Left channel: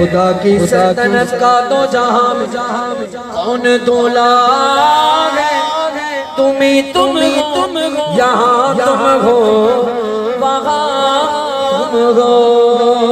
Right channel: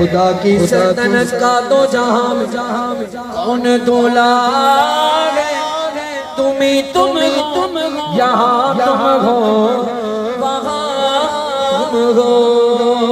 खुदा की सल्तनत का तो जहां में कौन दूल्हा है, तुम यहाँ तुम हो वहाँ हो।